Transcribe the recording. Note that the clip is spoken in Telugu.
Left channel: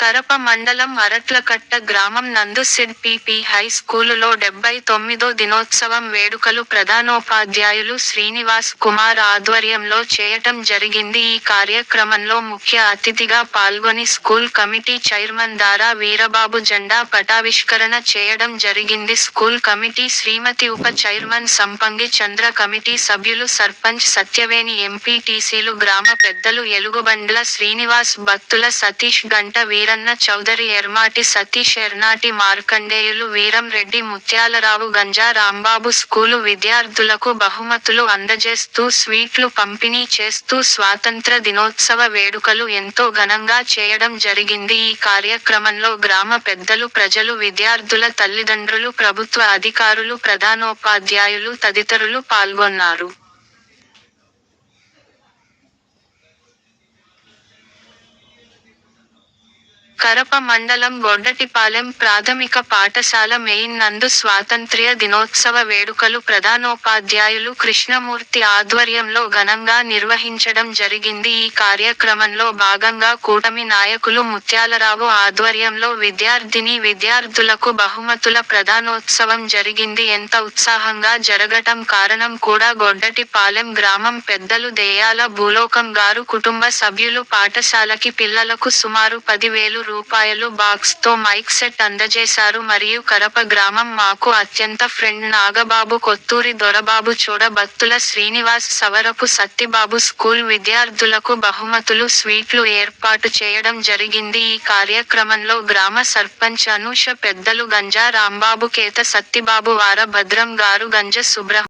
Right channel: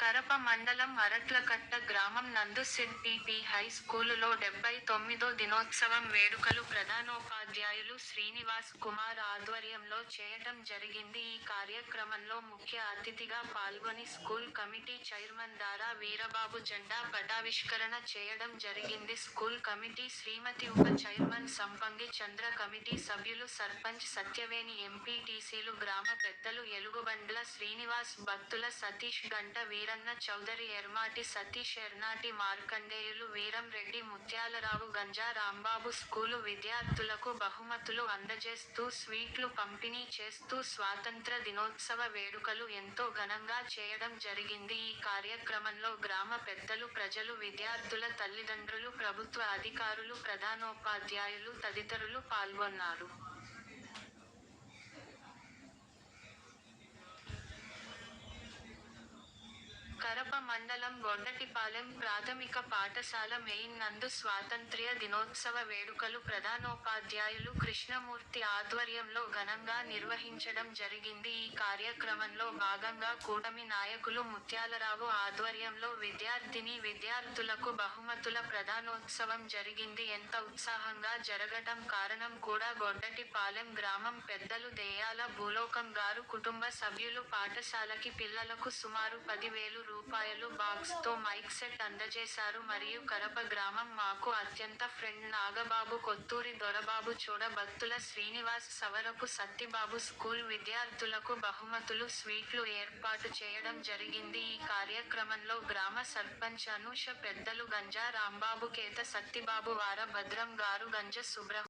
కరప మండలం అరట్లకట్ట గ్రామం నందు సిడ్ పిపి హై స్కూలులో డెబ్బై తొమ్మిదో దినోత్సవం వేడుకలు ప్రధానోపాధ్యాయులు శ్రీనివాస్ కుమార్ ఆధ్వర్యంలో చేయటం జరిగింది. ఈ కార్యక్రమంలో ముఖ్య అతిథిగా పాల్గొని school committee chairman Dara Veerababu జెండా పటావిష్కరణ చేయడం జరిగింది. స్కూల్ కమిటీ శ్రీమతి ఉప చైర్మన్ సంపంగి చంద్ర కమిటీ సభ్యులు సర్పంచ్ సత్యవేణి ఎంపీటీసీలు గ్రామ పెద్దలు ఎలుగుబండ్ల శ్రీనివాస్ భక్తుల సతీష్ గంట వీర వీరన్న చౌదరి ఎర్మాటి సతీష్ ఎర్నాటి మార్కండేయులు వీరం రెడ్డి ముత్యాలరావు గంజా రాంబాబు స్కూలు విద్యార్థులకు బహుమతులు అందజేస్తూ స్వీట్లు పంపిణీ చేస్తూ స్వాతంత్ర దినోత్సవ వేడుకలు ఎంతో ఘనంగా చేయడం జరిగింది. ఈ కార్యక్రమంలో గ్రామ పెద్దలు ప్రజలు విద్యార్థుల తల్లిదండ్రులు ప్రభుత్వ అధికారులు ప్రధానోపాధ్యాయులు తదితరులు పాల్గొన్నారు. కరప మండలం గొడ్డటిపాలెం ప్రాథమిక పాఠశాల మెయిన్ నందు స్వాతంత్ర్య దినోత్సవ వేడుకలు ప్రధానోపాధ్యాయులు కృష్ణమూర్తి ఆధ్వర్యంలో ఘనంగా నిర్వహించడం జరిగింది. ఈ కార్యక్రమంలో భాగంగా కూటమి నాయకులు ముత్యాలరావు ఆధ్వర్యంలో విద్యార్థిని విద్యార్థులకు బహుమతుల ప్రధానోత్సవం జరిగింది. ఎంత ఉత్సాహంగా జరగటం కారణం కూడా గొడ్డటిపాలెం గ్రామం పెద్దలు దేయాల భూలోకం గారు కుటుంబ సభ్యులు పాఠశాలకి పిల్లలకు సుమారు పదివేలు రూపాయలు బాక్స్తో మైక్ సెట్ అందజేశారు. మరియు కరప గ్రామం మాకు అత్యంత ఫ్రెండ్. నాగబాబు కొత్తూరి దొరబాబు చూడ బత్తుల శ్రీనివాస్ సవరపు సత్తిబాబు స్కూల్ విద్యార్థులకు బహుమతులు స్వీట్లు ఏర్పాటు చేయడం జరిగింది. ఈ కార్యక్రమంలో గ్రామ సర్పంచ్ అనూష పెద్దలు గంజా రాంబాబు కేత సత్తిబాబు వార భద్రం గారు గంజ సుబ్రహ్మ